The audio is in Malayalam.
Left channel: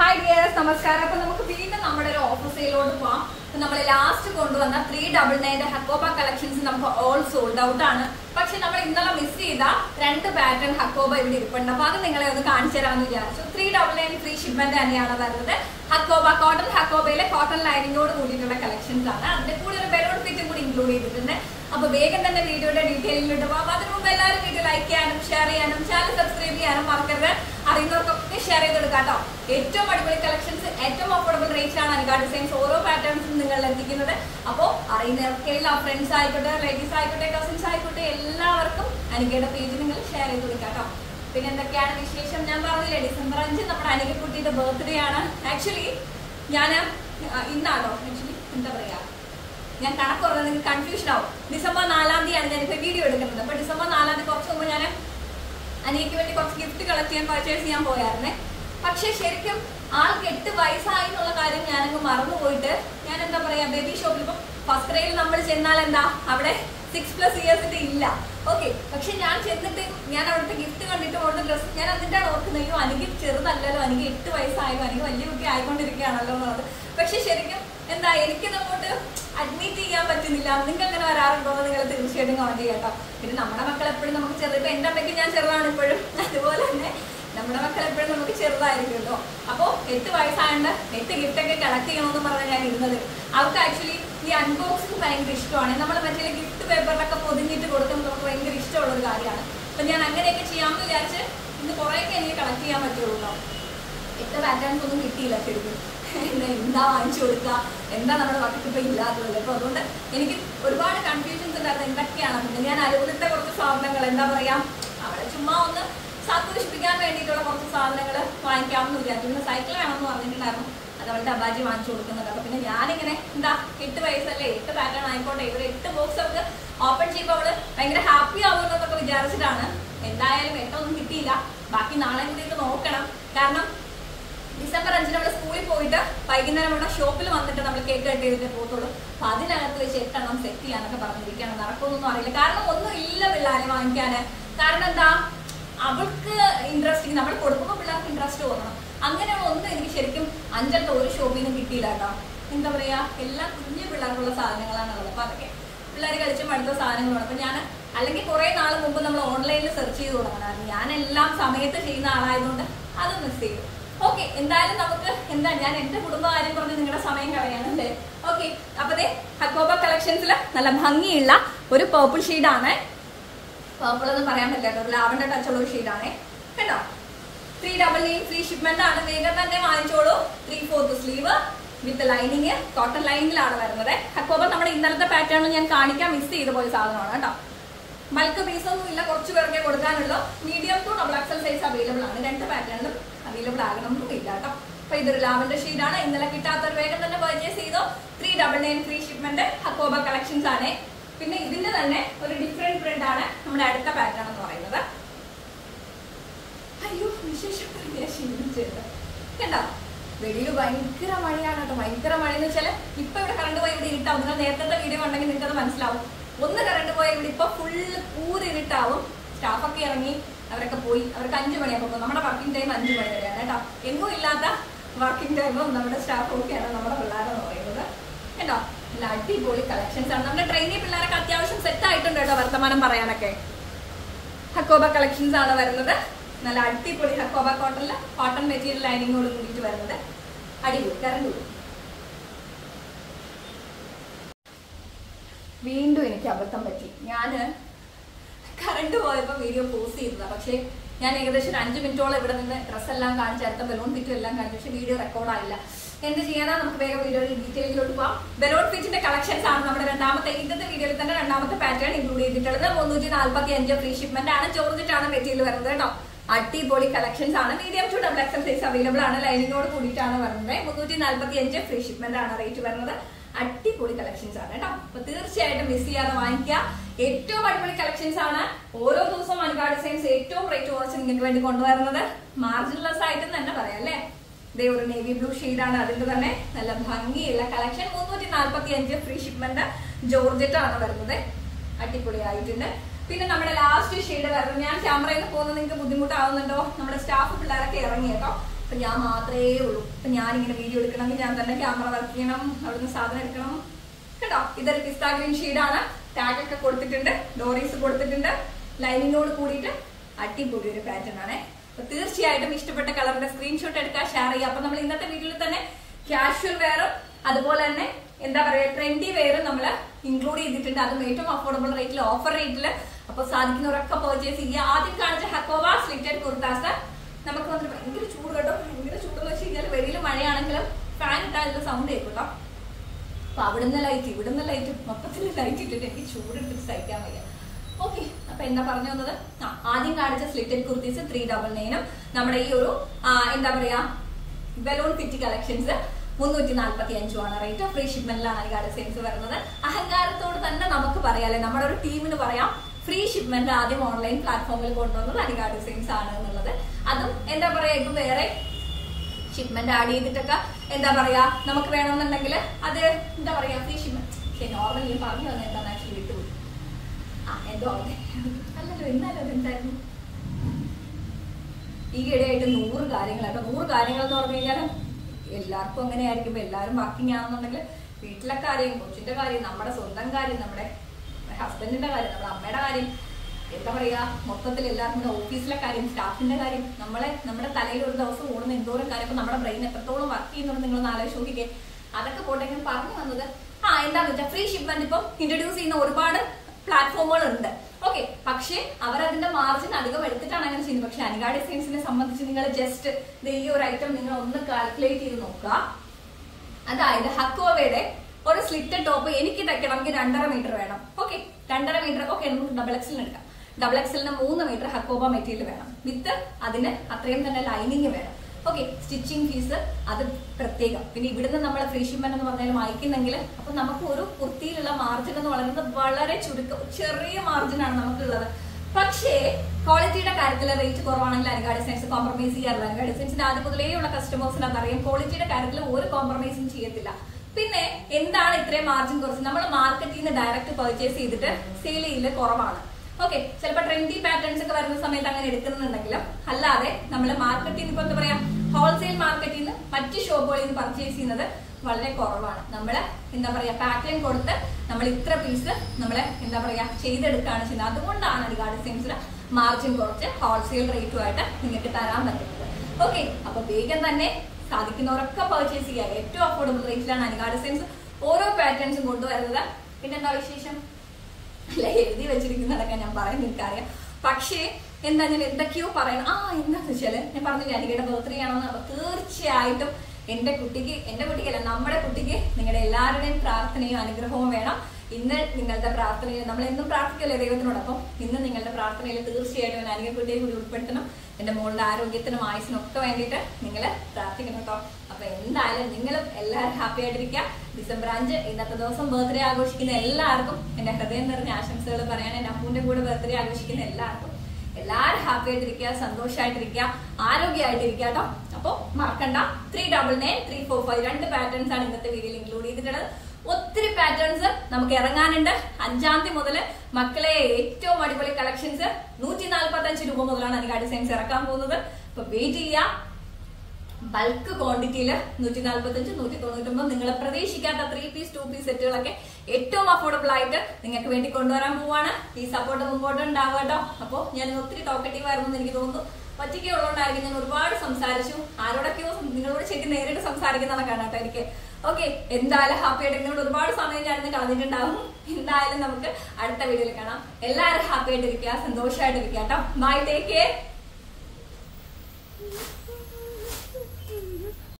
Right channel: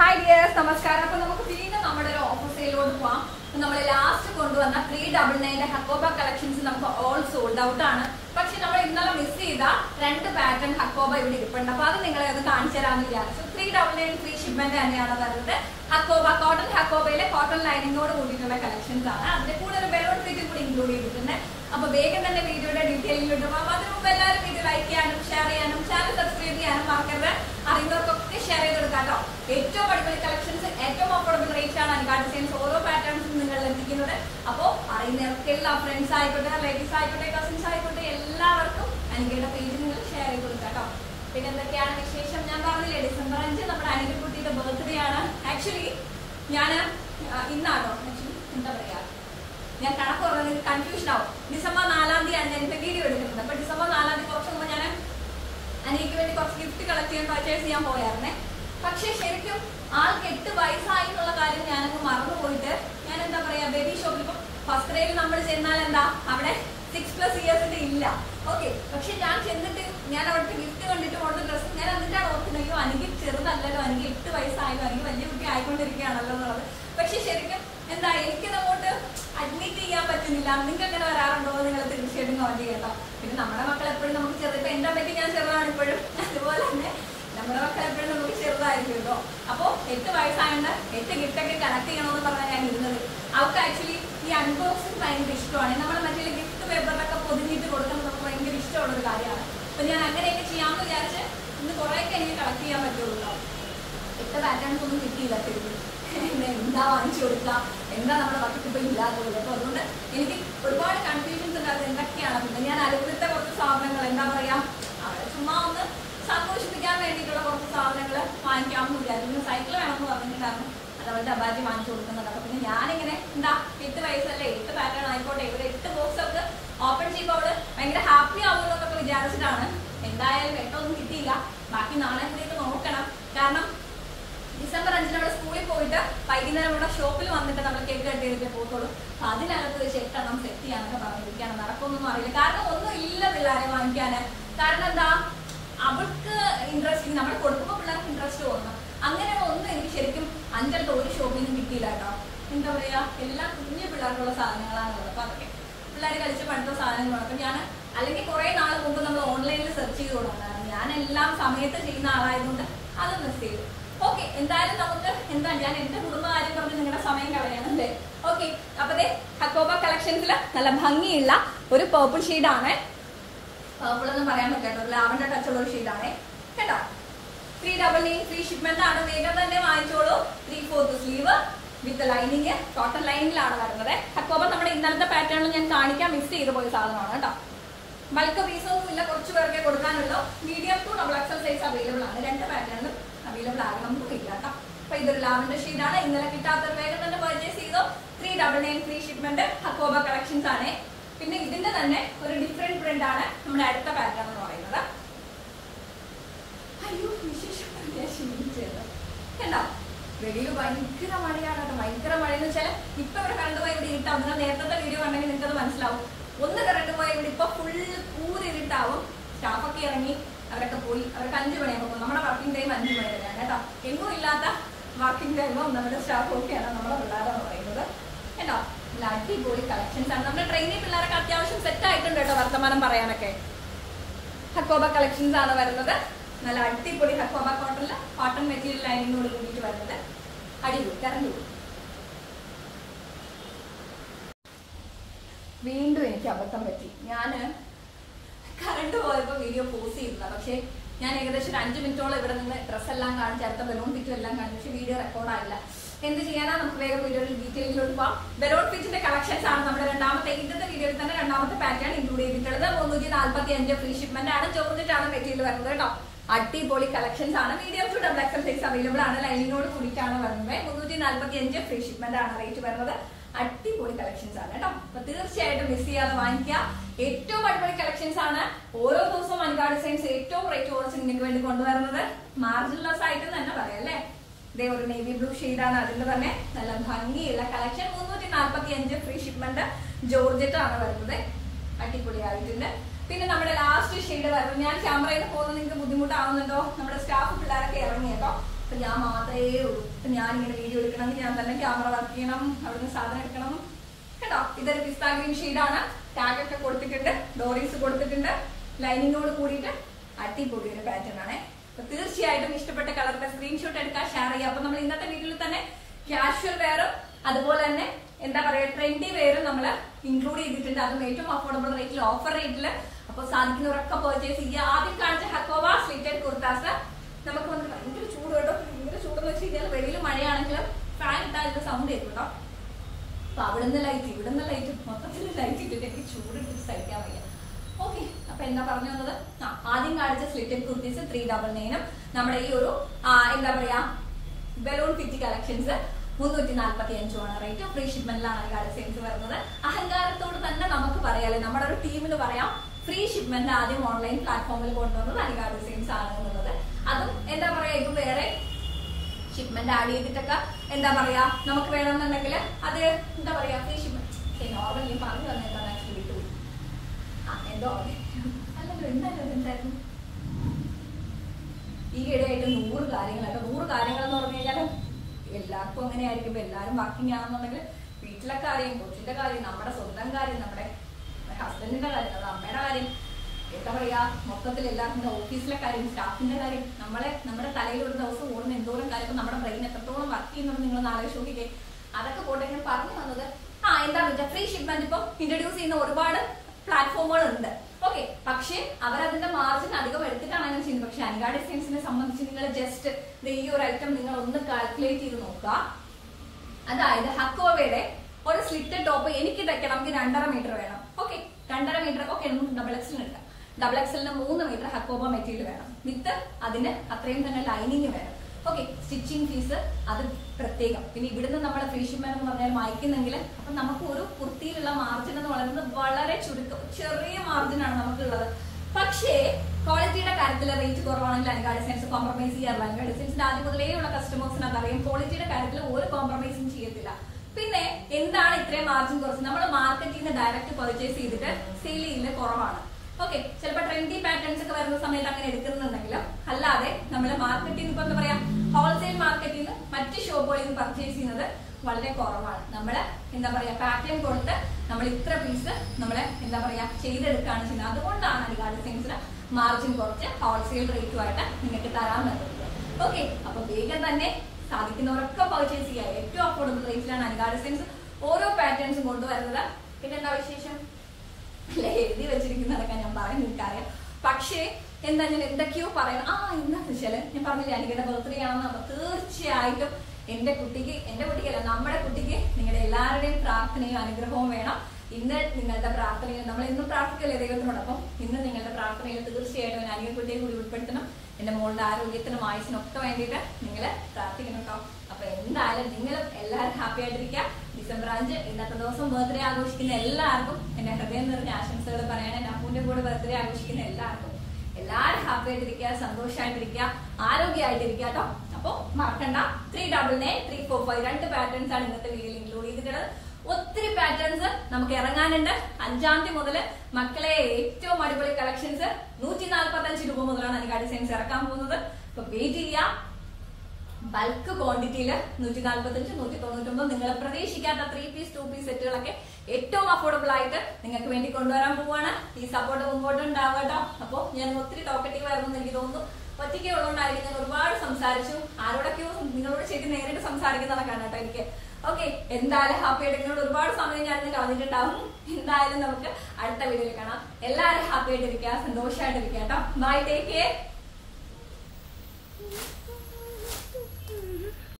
Hi dears, നമസ്കാരം. അപ്പോൾ നമുക്ക് വീണ്ടും നമ്മുടെ ഒരു ഓഫർ സെയിലോട്ട് പോവാം. നമ്മൾ ലാസ്റ്റ് കൊണ്ടുവന്ന 399 ഹക്കോബ കളക്ഷൻസ് നമുക്ക് ഓൾ സോൾഡ് ഔട്ട് ആണ്. പക്ഷെ നമ്മൾ ഇന്നലെ മിസ് ചെയ്ത രണ്ട് പാറ്റേൺ ഹക്കോബ ഇവിടെ ഇരിപ്പുണ്ട്. അപ്പൊ അത് നിങ്ങളെ ഒന്ന് കാണിച്ചു തരാമെന്ന് വിചാരിച്ചു. 399 ഫ്രീ ഷിപ്മെന്റ് തന്നെയാണ് വരുന്നത്. ഹക്കോബ കോട്ടൺ ഹക്കോബയിലെ കോട്ടൺ ലൈനിങ്ങോട് കൂടിയിട്ടുള്ള കളക്ഷൻസ് ആണ്. അതിന്റെ കൂടെ ഒരു ബലൂൺ ഫിറ്റും കൂടി ഇൻക്ലൂഡ് ചെയ്തിട്ടുണ്ട്. അപ്പൊ വേഗം തന്നെ വീഡിയോയുടെ ഡീറ്റെയിലിലോട്ട് പോകാം. അതിന് മുമ്പ് എല്ലാവരും വീഡിയോ ലൈക്ക് ചെയ്യാനും ഷെയർ ചെയ്യാനും ചാനൽ സബ്സ്ക്രൈബ് ചെയ്യാനും മറക്കരുത്. അറിയുന്നവർക്കൊക്കെ ഷെയർ ചെയ്ത് കൊടുക്കാം കേട്ടോ. ഏറ്റവും അടിപൊളി കളക്ഷൻസ്, ഏറ്റവും അഫോർഡബിൾ റേറ്റ് ആണ് അൻകാ ഡിസൈൻസ് ഓരോ പാറ്റേൺസും നിങ്ങൾ എത്തിക്കുന്നത്. അപ്പോ അറിയുന്നവർക്ക് എല്ലാ ഫ്രണ്ട്സ് ആയിക്കോട്ടെ, റിലേറ്റീവ്സ് ആയിക്കോട്ടെ, കസിൻസ് ആയിക്കോട്ടെ, എല്ലാവർക്കും അനികയുടെ പേജ് നിങ്ങൾ ഷെയർ ചെയ്ത് കൊടുക്കാം കേട്ടോ. പിന്നെ എന്തൊക്കെയാണ് വിശേഷം? ഞാൻ പറഞ്ഞില്ലേ, December 5 നമ്മുടെ അനികക്കുട്ടിയുടെ ബർത്ത്ഡേ ആണ്. ആക്ച്വലി ഞാൻ ഇന്നാണോ എന്താ പറയാ, ഞാൻ കണക്ക് പറഞ്ഞാൽ നിങ്ങൾക്ക് കൺഫ്യൂഷൻ ആവും. December 4 ഞാനിപ്പോ വീഡിയോ എടുക്കുന്നത്. അപ്പൊ December 4 കുറച്ച് മുമ്പ് ഞാൻ അനിയക്ക് വേണ്ടി കുറച്ച് ഗിഫ്റ്റ് കളക്ട് ചെയ്യാൻ പർച്ചേസ് ചെയ്യാൻ പോയായിരുന്നേ. പക്ഷെ ശരിക്കും ആൾക്ക് 8 വയസ്സായി എന്നുള്ള കാര്യം ഞാനങ്ങ് മറന്നുപോയിട്ട് ഞാൻ എന്താ പറയാ, ബേബി ഷോപ്പിൽ ഇപ്പൊ ഫസ്റ്റ് ഡേയിൽ നമ്മൾ ചെന്നാൽ എന്താ അവിടെ 6+ ഇയേഴ്സിന്റെ ഇല്ല. ഓക്കെ, പക്ഷെ ഞാൻ ചെന്നിട്ട് ഞാൻ അവിടുത്തെ ഗിഫ്റ്റ് കണ്ടിട്ട് കൊണ്ട് ഡ്രസ് ഞാൻ അതിന്റെ ഓർക്കുന്നത്, അയ്യോ എനിക്ക് ചെറുതല്ലല്ലോ, എനിക്ക് 8 വയസ്സായല്ലോ, എനിക്ക് വലിയ കുട്ടി ആയിക്കൊണ്ടിരിക്കുകയാണല്ലോ എന്നുള്ളത്. പക്ഷെ ശരിക്കും എന്താ എനിക്കത് അങ്ങോട്ട് അഡ്മിറ്റ് ചെയ്യാൻ പറ്റുന്നില്ല. നിങ്ങൾക്ക് അങ്ങനെ വരാറുണ്ടോ എന്ന് നിങ്ങൾ തീർച്ചയായിട്ടും കമന്റ് ചെയ്യാം. പിന്നെ നമ്മുടെ മക്കൾ എപ്പോഴും നമുക്ക് ചെറുത്, ഇപ്പൊ എന്റെ അമ്മയ്ക്ക് ഞാൻ ചെറുതാണ് ഇപ്പോഴും, അതുപോലെ തന്നെ നമ്മുടെ മക്കൾ എപ്പോഴും നമുക്ക് ചെറുതായിരിക്കുമല്ലോ. അപ്പൊ 8 വയസ്സായതുകൊണ്ട് 8 ഗിഫ്റ്റ് ഒക്കെ കളക്ട് ചെയ്യണമെന്ന് പറഞ്ഞാൽ ഞാൻ ഇരുന്നത്. അവർക്ക് ആക്ച്വലി ഈ അൺബോക്സിങ് ഭയങ്കര ഇഷ്ടമാണ്. നമ്മൾ മറ്റേ ഗിഫ്റ്റ് പേപ്പറിലൊക്കെ പൊതിഞ്ഞിട്ട് കൊടുക്കുന്നത് നമുക്ക് ഭയങ്കര ഇഷ്ടമുള്ള ഒരു കാര്യമാണ്. അപ്പൊ ഞാൻ അങ്ങനെയൊക്കെ ചെയ്യാമെന്ന് വിചാരിച്ച് ഇന്ന് കുറെയൊക്കെ എനിക്ക് കളക്ട് ചെയ്യാൻ പറ്റുള്ളൂ. 8 പാറ്റേൺസ് ഒന്നും കിട്ടിയില്ല ശരിക്കും. എന്താ വാങ്ങിച്ചു കൊടുക്കുക, എന്താ നമ്മുടെ മക്കൾക്ക് ഇപ്പൊ ഇല്ലാത്തത്. അപ്പൊ അതുകൊണ്ട് എനിക്ക് ഒരുപാട് കൺഫ്യൂഷൻസ് ഉണ്ടായിരുന്നു എന്തൊക്കെയാണ്. പിന്നെ ഞാൻ അലുവലത്തെ കുറച്ച് സാധനങ്ങൾ എന്താ പറയാ, അവരെ ചുമ്മാ ഒന്ന് സന്തോഷിപ്പിക്കാൻ വേണ്ടിയിട്ടുള്ള കുറച്ച് സാധനങ്ങൾ വാങ്ങിക്കാമെന്ന് വിചാരിച്ചു. സൈക്കിൾ വേണമെന്ന് പറഞ്ഞിട്ടുണ്ടായിരുന്നു, അത് അവളുടെ അബാജി വാങ്ങിച്ചു കൊടുക്കുന്നുണ്ട്. അപ്പൊ പിന്നെ ഞാനിങ്ങനെ എന്താ 8 വയസ്സല്ലേ, 8 പാറ്റേൺ ആയിക്കോട്ടെ, ഒരു 8 ബോക്സ് അവർക്ക് ഓപ്പൺ ചെയ്യുമ്പോൾ അവള് ഭയങ്കര ഹാപ്പി ആവുമെന്നൊക്കെ വിചാരിച്ചിട്ടാണ്. എന്തായാലും 8 ഒന്നും കിട്ടിയില്ല. ബാക്കി നാളെ കൂടിയൊക്കെ നോക്കണം. കാരണം December 5 നമ്മൾ സ്കൂളിൽ പോയിട്ട് വൈകുന്നേരം ഇവിടെ ഷോപ്പിൽ വന്നിട്ട് നമ്മൾ കേക്ക് കട്ട് ചെയ്തിട്ട് പോകത്തുള്ളൂ. അപ്പൊ അതിനകത്ത് വെച്ച് 8 എണ്ണം സെറ്റ് ചെയ്യാനൊക്കെ പറഞ്ഞിരിക്കുകയാണ്. നടക്കൊന്നും അറിയില്ല. കാരണം ഒന്നും ഇല്ല പിള്ളേരെ വാങ്ങിക്കാന്. കാരണം എന്താ, അവൾക്ക് ഇൻട്രസ്റ്റ്, നമ്മൾ കൊടുക്കുമ്പോൾ പിള്ളേർക്ക് ഇൻട്രസ്റ്റ് തോന്നണം. അങ്ങനെ ഒന്നും എനിക്ക് ശരിക്കും 5 ഒരു ഷോപ്പിൽ നിന്നും കിട്ടിയില്ല കേട്ടോ. എന്താ പറയാ, എല്ലാ കുഞ്ഞു പിള്ളേർക്കുള്ള സാധനങ്ങളാണുള്ളത്. അപ്പൊ അതൊക്കെ പിള്ളേർ കളിച്ച് പഠിത്ത സാധനങ്ങളാണ്. അപ്പൊ ഞാൻ അല്ലെങ്കിൽ കുറെ നാൾ മുമ്പ് നമ്മൾ ഓൺലൈനിൽ സെർച്ച് ചെയ്ത് തുടങ്ങാനാണ്. ഞാൻ എല്ലാം സമയത്ത് ചെയ്യുന്ന ആളായതുകൊണ്ട് അത് മിസ് ചെയ്തു. ഓക്കെ, എന്തായാലും നമുക്ക് എന്താ, ഞാൻ എന്റെ കുടുംബകാര്യം പറഞ്ഞ് നിങ്ങളുടെ സമയം കളയാണല്ലേ. ഓക്കെ, അപ്പൊ ഹക്കോബ കളക്ഷൻസിൽ നല്ല ഭംഗിയുള്ള ഒരു പേർപ്പിൾ ഷെയ്ഡാണ്. പേർപ്പിൾ എന്ന് പറയാൻ പറ്റാത്ത ഒരു ലാവൻഡർ ടച്ചുള്ള ഒരു ഷെയ്ഡാണ് കേട്ടോ. 399 ഫ്രീ ഷിപ്മെന്റ് ആണ്. വേഗം തന്നെ വാങ്ങിച്ചോളൂ. 3/4 സ്ലീവ് വിത്ത് ലൈനിങ്, കോട്ടൺ ലൈനിങ്ങിലാണ് വരുന്നത്. ഹക്കോബ നമ്മുടെ ഇന്നലത്തെ പാറ്റേണിൽ ഞാൻ കാണിക്കാൻ മിസ് ചെയ്ത് പോയ സാധനമാണ് കേട്ടോ. ബൾക്ക് പീസൊന്നും ഇല്ല, കുറച്ച് പേർക്കേ കൊടുക്കാനുള്ളൂ. Medium to double XL size available ആണ്. 2 പാറ്റേണിലും അവൈലബിൾ ആകണമെന്നും ഇല്ല കേട്ടോ. അപ്പൊ ഇതൊരു ലാവൻഡർ ഷെയ്ഡാണ്. ഇന്നലെ കിട്ടാത്തൊരു വേഗം തന്നെ പർച്ചേസ് ചെയ്തോ. 399 ഫ്രീ ഷിപ്മെന്റ് ഹക്കോബ കളക്ഷൻസ് ആണ്. പിന്നെ ഇതിന്റെ തന്നെ ഒരു ഡിഫറെന്റ് പ്രിന്റ് ആണ് നമ്മുടെ അടുത്ത പാറ്റേൺ എന്ന് പറയുന്നത്. അയ്യോ, വിശേഷം കണ്ടോ, വെളിയിൽ ഭയങ്കര മഴയാണ് കേട്ടോ. ഭയങ്കര മഴ എന്ന് വെച്ചാൽ ഇപ്പൊ ഇവിടെ കറണ്ട് പോയി ഇവിടെ ഇരുട്ടാവും. നിങ്ങൾ നേരത്തെ വീഡിയോ കണ്ടെങ്കിൽ നിങ്ങൾക്ക് അത് മനസ്സിലാവും. ഒന്ന് കറണ്ട് പോയി ഇവിടെ ഇപ്പൊ ഫുള്ള് പൂരിട്ടാവും. സ്റ്റാഫൊക്കെ ഇറങ്ങി, അവരൊക്കെ പോയി. അവർക്ക് 5 മണിയാകുമ്പോൾ പോകും. നമ്മുടെ വർക്കിംഗ് ടൈം 5 മണി വരെയാണ് കേട്ടോ. എങ്ങും ഇല്ലാത്ത വർക്കിംഗ് ടൈമും നമ്മുടെ സ്റ്റാഫ് ഒക്കെയാണ് നമ്മുടെ പിള്ളേരെന്ന് പറയുന്നത് കേട്ടോ. നല്ല അടിപൊളി കളക്ഷൻസ് ആണ്. നമ്മുടെ ട്രെയിനിൽ പിള്ളേരൊക്കെ അത്യാവശ്യം സെറ്റ് ആയിട്ടുണ്ട് കേട്ടോ, വർത്തമാനം പറയാനൊക്കെ. ഹക്കോബ കളക്ഷൻസ് ആണ് വരുന്നത്. നല്ല അടിപൊളി ഹക്കോബ കോട്ടണില് കോട്ടൺ മെറ്റീരിയൽ ലൈനിങ്ങോട് കൂടിയിട്ട് വരുന്നത്. അടിപൊളി കറണ്ട് കൂടി. വീണ്ടും എനിക്ക് അബദ്ധം പറ്റി. ഞാന് കറണ്ട് പോയപ്പോ വീഡിയോ പോസ്റ്റ് ചെയ്തതാണ്. പക്ഷെ ഞാൻ ഏകദേശം 5 മിനിറ്റോളം ഇവിടെ നിന്ന് ഡ്രസ് എല്ലാം കാണിച്ച്, അടുത്ത ബലൂൺ ഫിറ്റും എല്ലാം കാണിച്ചു. പക്ഷെ വീഡിയോ റെക്കോർഡ് ആയില്ല. എന്ത് ചെയ്യാനാ, നമുക്ക് വേഗം വീഡിയോയിൽ ഡീറ്റെയിലോട്ട് പോവാം. ബലൂൺ ഫിറ്റിന്റെ കളക്ഷൻസ് ആണ് നമ്മുടെ ഇന്നത്തെ വീഡിയോയിൽ തന്നെ രണ്ടാമത്തെ പാറ്റേൺ ഇൻക്ലൂഡ് ചെയ്തിട്ടുള്ളത്. 345 ഫ്രീ ഷിപ്മെന്റ് ആണ്. ജോർജറ്റാണ് മെറ്റീരിയൽ വരുന്നത് കേട്ടോ. അടിപൊളി കളക്ഷൻസ് ആണ്. Medium to double XL size available ആണ്. ലൈനിനോട് കൂടിയിട്ടാണ് വരുന്നത്. 345 ഫ്രീ ഷിപ്മെന്റ് ആണ് റേറ്റ് വരുന്നത്. അടിപൊളി കളക്ഷൻസ് ആണ് കേട്ടോ. അപ്പൊ തീർച്ചയായിട്ടും മിസ് ചെയ്യാതെ വാങ്ങിക്കുക. ഏറ്റവും അടിപൊളി കളക്ഷൻസ് ആണ്. ഓരോ ദിവസവും അൻകാ ഡിസൈൻസ് ഏറ്റവും റേറ്റ് കുറച്ച് നിങ്ങൾക്ക് വേണ്ടി കൊണ്ടുവരുന്നത്. മാർജിൻലെസ് ആയിട്ട് തന്നെ പറയാം അല്ലെ. ഇതേ ഒരു നേവി ബ്ലൂ ഷെയ്ഡാണ്. അതിന്റെ തന്നെ നല്ല ഭംഗിയുള്ള കളക്ഷൻ. 345 ഫ്രീ ഷിപ്മെന്റ് ജോർജറ്റ് ആണ് വരുന്നത്. അടിപൊളിയായിട്ടുണ്ട്. പിന്നെ നമ്മുടെ ലാസ്റ്റ് ഷെയ്ഡ് വരുന്നത്, ഞാൻ ക്യാമറയിൽ പോകുന്നത് നിങ്ങൾക്ക് ബുദ്ധിമുട്ടാവുന്നുണ്ടോ? നമ്മുടെ സ്റ്റാഫ് പിള്ളേരൊക്കെ ഇറങ്ങി കേട്ടോ. അപ്പൊ ഞാൻ മാത്രമേ ഉള്ളൂ. അപ്പൊ ഞാനിങ്ങനെ വീഡിയോ എടുക്കണമെങ്കിൽ ഞാൻ തന്നെ ക്യാമറ വർക്ക് ചെയ്യണം, അവിടുന്ന് സാധനം എടുക്കണം. കേട്ടോ, ഇതൊരു പിസ്ത ഗ്രീൻ ഷെയ്ഡാണ്. ടാഗ് ഒക്കെ കൊടുത്തിട്ടുണ്ട്, ഡോറീസ് കൊടുത്തിട്ടുണ്ട്, ലൈനിങ്ങോട് കൂടിയിട്ട് അടിപൊളി ഒരു പാറ്റേൺ ആണ്. അപ്പൊ തീർച്ചയായിട്ടും ഇഷ്ടപ്പെട്ട കളറിന്റെ സ്ക്രീൻഷോട്ട് എടുക്കുക, ഷെയർ ചെയ്യുക. അപ്പൊ നമ്മൾ ഇന്നത്തെ വീഡിയോയിൽ തന്നെ കാഷ്വൽ വെയറും അതുപോലെ തന്നെ എന്താ പറയാ ട്രെൻഡി വെയറും നമ്മൾ ഇൻക്ലൂഡ് ചെയ്തിട്ടുണ്ട്. അതും ഏറ്റവും അഫോർഡബിൾ റേറ്റിൽ, ഓഫർ റേറ്റിൽ. അപ്പൊ സാധിക്കുന്നവരൊക്കെ പർച്ചേസ് ചെയ്യുക. ആദ്യം കാണിച്ച ഹക്കോവ സ്ലിറ്റഡ് കുർത്താസ് നമുക്ക് വന്നിട്ട് ഭയങ്കര ചൂട് കേട്ടോ. ഭയങ്കര ചൂടെന്ന് വെച്ച് കഴിഞ്ഞാൽ വെളിയിൽ മഴയാണെങ്കിലും ഫാൻ ഇട്ടാൽ സൗണ്ട് കേൾക്കും കേട്ടോ. അപ്പൊ അവിടുന്ന് ലൈറ്റ് ഇവിടുന്ന് ലൈറ്റ് മൊത്തത്തിൽ ലൈറ്റ് ഇട്ടിട്ട് എനിക്ക് ചൂടെടുത്തിട്ട് സഹിക്കാൻ വയ്യ. ഓക്കെ, അപ്പൊ എന്താ പറഞ്ഞു വന്നത്? ആദ്യം കാണിച്ച സ്ലിറ്റഡ് കുർത്തീസ് 399 നമ്മുടെ ഈ ഒരു എന്താ പറയാ balloon fit collections 345 rate. Free ഷിപ്മെന്റിലാണ് അനികാ ഡിസൈൻസ് വരുന്നത്. അഹങ്കാരത്തോട് തന്നെ നമുക്ക് പറയാല്ലേ, നമ്മുടെ ഒരു ടീമിന് പറയാം ഫ്രീ ഷിപ്മെന്റ് ആദ്യം ഓൺലൈൻ പ്ലാറ്റ്ഫോമിൽ കൊണ്ടുവന്നത് അനികാ ഡിസൈൻസ് ആണ് എന്നുള്ളത്. അതും എന്താ പറയാ ഇപ്പം വേറെ ഷിപ്മെന്റ് ആഡ് ചെയ്തിട്ടൊക്കെ എന്താ പറയാ നമുക്ക് വേണമെന്നുണ്ടെങ്കിൽ അത് എന്താ പറയാ ഫ്രീ ഷിപ്മെന്റ് നോർമലി പറഞ്ഞു തന്നെ എന്താണ് ആക്ച്വലി വിട്ടുപോയി. എന്തോ അല്ലല്ലോ എന്നാലും എന്തായിരുന്നു ഈ ഇടയായിട്ട് 100 കാര്യങ്ങളാട്ടോ. 100 കാര്യങ്ങൾ എന്ന് പറഞ്ഞു കഴിഞ്ഞാൽ എല്ലാവർക്കും അങ്ങനെ ആയിരിക്കും. എല്ലാവരും വർക്കിംഗ് ആണെന്നുണ്ടെങ്കിൽ വീട്ടിലെ കാര്യം, കൊച്ചിന്റെ കാര്യം, നമ്മുടെ സ്വന്തം കാര്യം, നമ്മുടെ ഹസ്ബൻഡിന്റെ കാര്യം, നമ്മുടെ അമ്മയുടെ കാര്യം, എന്താ പറയാ മൊത്തത്തിൽ എല്ലാവരും ഓഫീസിലെ കാര്യം, സ്റ്റാഫിന്റെ കാര്യം, നമ്മുടെ തലയിൽ ഒരു ദിവസം ഓടുന്ന എന്തോരം കാര്യം. ഇപ്പൊ നമ്മുടെ ബ്രെയിൻ എത്രത്തോളം വർക്ക് ചെയ്യുന്നുണ്ട് നിങ്ങളൊന്ന് ആലോചിച്ച് നോക്കിക്കേ. അതൊക്കെ പോട്ടെ, ഞാൻ പറഞ്ഞു വന്നത് എന്താന്ന് വെച്ചാൽ ഫ്രീ ഷിപ്മെന്റ് ഇപ്പം ഇൻട്രൊഡ്യൂസ് ചെയ്യുന്ന ഒരുപാട് പ്ലാറ്റ്ഫോമുകൾ ഉണ്ട്. ഓക്കെ, പക്ഷെ അവരതിന്റെ മാർജിൻ അധികം എടുത്തിട്ടാണ് അങ്ങനെ ചെയ്യുന്നത്. പക്ഷെ അനികാ ഡിസൈൻസിനെ സംബന്ധിച്ച് നിങ്ങൾ ജസ്റ്റ് ഈ ഒരു ഐറ്റം നിങ്ങൾ ഒന്ന് കാൽക്കുലേറ്റ് ചെയ്ത് നോക്കുക. അതായത് ഹക്കോവയുടെ ഒരു സ്ലിറ്റഡ് ടോപ്പ് എനിക്ക് തയ്ക്കണമെങ്കിൽ 2.5 മീറ്റർ വേണം. Okay, 2.5 metre. ഓക്കെ, നമുക്ക് ഡബിൾ എക്സലിന് എടുക്കാം. ഡബിൾ എക്സലിന് 3 മീറ്റർ ഹക്കോവ മെറ്റീരിയൽ വേണം. വിത്ത് അതിന് അത്രയും തന്നെ ലൈനിങ് വേണം. ഓക്കെ, സ്റ്റിച്ചിങ് ഫീസ് അത് പ്രത്യേകം. പിന്നെ ഇവിടുന്ന് നമ്മൾ ഫ്രീ ഷിപ്മെന്റ് എന്ന് പറഞ്ഞാൽ അയക്കുന്നെങ്കിൽ അപ്പൊ നമുക്ക് ഒരു കുർത്തിയിലുള്ള മാർജിൻ എന്ന് പറയുന്നത് വളരെ ചുരുക്കം, ചെറിയ മാർജിനാണ് നമുക്കുള്ളത്. പക്ഷേ ക്വാളിറ്റിയുടെ കാര്യത്തിൽ റേറ്റ് കുറവാണെങ്കിൽ അനികാ ഡിസൈൻസ് കോംപ്രമൈസ് ചെയ്യാറില്ല. അനികാ ഡിസൈൻസിന്റെ ആദ്യം മുതലേ ഉള്ള കസ്റ്റമേഴ്സിന് അതറിയാം, ക്വാളിറ്റിയുടെ കാര്യത്തിൽ ഒരു കോംപ്രമൈസും ചെയ്യത്തില്ല. പിന്നെ എന്താണ് ഇത്രയും മാർജിൻ കുറച്ച്? നമ്മൾ മാർക്കറ്റിൽ നിന്ന് ഡയറക്റ്റ് പർച്ചേസ് ചെയ്തിട്ട് സെയിൽ ചെയ്യല് കുറവാണ്. ഓക്കെ, ചിലപ്പോൾ ട്രെൻഡി പാറ്റേൺസ് ഒക്കെ വരുന്ന സമയത്ത് അങ്ങനെ എടുക്കുന്നുണ്ടെങ്കിലും അല്ലാതെ നമ്മള് മാർക്കറ്റിൽ നിന്ന് ഇപ്പൊ എന്താ പറയാ ഹോൾസെയിൽ മാർക്കറ്റിൽ നിന്ന് മറ്റ് ഷോപ്പുകളിൽ നിന്ന് പർച്ചേസ് ചെയ്യുന്നത് വളരെ കുറവാണ്. നമ്മള് എന്താ പറയാ പാറ്റേൺ കൊടുത്ത് നമ്മൾ ഇത്ര പീസ് നമ്മള് എന്താ പറയാ ചെയ്തെടുക്കുകയാണ് ചെയ്യുന്നത്. അതുകൊണ്ടാണ് അനികാ ഡിസൈൻസിന് മാർജിൻ കുറച്ച് ഹോൾസെയിൽ റേറ്റുമായിട്ട് നിങ്ങൾക്ക് തരാൻ പറ്റുന്നത്. ഓക്കെ, അപ്പൊ വേഗം തന്നെ സാധിക്കുന്നവരൊക്കെ പർച്ചേസ് ചെയ്യാം. ഏറ്റവും അഫോർഡബിൾ റേറ്റിലാണ് അനികാ ഡിസൈൻസ് ഓരോ പാറ്റേൺസും കൊണ്ടുവരുന്നത്. പിന്നെ എന്താ വിശേഷം അല്ല, എഴുതി വെച്ചിരിക്കുന്നതൊക്കെ ഞാൻ പറയാൻ നിൽക്കാറിയാം. പക്ഷേ എന്താ ഞാൻ എന്തൊക്കെയോ പറയണം. എന്താന്ന് വെച്ചാല് ഞാൻ പറഞ്ഞില്ല അനികയുടെ ബർത്ത്ഡേ ആണെന്ന്. അപ്പൊ തീർച്ചയായിട്ടും എന്റെ കുട്ടിക്കല്ല നമ്മുടെ കുട്ടിക്ക് നിങ്ങളുടെ എല്ലാവരുടെയും പ്രാർത്ഥനയും അനുഗ്രഹവും വേണം. ഇന്ന് നിങ്ങളുടെ പ്രാർത്ഥനയിൽ നമ്മൾ എന്നും പ്രാർത്ഥിക്കല്ലേ ദൈവത്തിനോടൊപ്പം. ഇന്ന് നിങ്ങളുടെ പ്രാർത്ഥനയിൽ തീർച്ചയായിട്ടും അനിക കുട്ടിയെ കൂടി ഉൾപ്പെടുത്തണം. എന്റെ മോളുടെ ആരോഗ്യത്തിനും ആയുസിനും ഒക്കെ വേണ്ടിയിട്ട് നിങ്ങൾ പ്രാർത്ഥിക്കണം കേട്ടോ. അപ്പൊ എന്തായാലും നിങ്ങളും എല്ലാവരും ഹാപ്പി ആയിട്ടിരിക്കുക. ഡിസംബർ 5 ഇന്നത്തെ ദിവസം ബർത്ത്ഡേ ആഘോഷിക്കുന്ന എല്ലാവർക്കും എന്റെ ഹൃദയം നിറഞ്ഞ ആശംസകൾ പറയാണ്. എന്റെ അപ്പൂന്റെ കൂടെ ബർത്ത്ഡേ ആഘോഷിക്കുന്ന എല്ലാവർക്കും എല്ലാവരും ഹാപ്പി ആയിട്ടിരിക്കുക, സന്തോഷമായിട്ടിരിക്കുക, ആരോഗ്യമായിട്ടിരിക്കുക കേട്ടോ. അപ്പൊ മറക്കണ്ട 399, 345 2 പാറ്റേൺസ് ആണ് ഇന്നത്തെ വീഡിയോയിൽ ഇൻക്ലൂഡ് ചെയ്തിട്ടുള്ളത്. ഒത്തിരി പാറ്റേൺസ് നമുക്ക് ഇറങ്ങാനുണ്ട്. 5-ാം തീയതി മുതൽ മക്കളെ ഏറ്റവും അടിപൊളി കളക്ഷൻസ് 145 രൂപ മുതലാണ് അനികാ ഡിസൈൻസ് ഇറക്കാൻ പോകുന്നത്. അപ്പൊ വെയിറ്റ് ചെയ്യാം. ബൾക്ക് ക്വാണ്ടിറ്റിയിൽ 145, 199 നിങ്ങൾ പ്രതീക്ഷിക്കാത്ത 3 പീസ് 2 പീസ് സെറ്റുകളൊക്കെ ഏറ്റവും അഫോർഡബിൾ ആയിട്ട് നിങ്ങൾക്ക് വേണ്ടി കൊണ്ടുവരാൻ പോവാണ്. ഈ സപ്പോർട്ട് മുമ്പോട്ട് ഉണ്ടാവുക കേട്ടോ. അപ്പൊ ഞാൻ ഒത്തിരി ടോക്കറ്റീവ് ആയിരുന്നു എനിക്ക് തോന്നുന്നു. ഒറ്റയ്ക്ക് ഉള്ളതുകൊണ്ടായിരിക്കും ഞാൻ ഒരുപാട് സംസാരിച്ചു. ആരോടൊക്കെയോ നിങ്ങളോട് ശരിക്കും നേരിട്ട് സംസാരിക്കുന്നതൊക്കെയാണ് കേട്ടോ എനിക്ക്. ഓക്കെ, എന്തായാലും ഹാപ്പി ആയിട്ട് നിങ്ങളോട് ഒരുപാട് സമയം ഞാൻ കളഞ്ഞിട്ടുണ്ടാവും. എന്തായാലും നമുക്ക് അടുത്ത വീഡിയോയിൽ കാണാം. എല്ലാവരും ഹാപ്പി ആയിട്ടിരിക്കുക, സന്തോഷമായിട്ടിരിക്കുക കേട്ടോ. Bye, take care.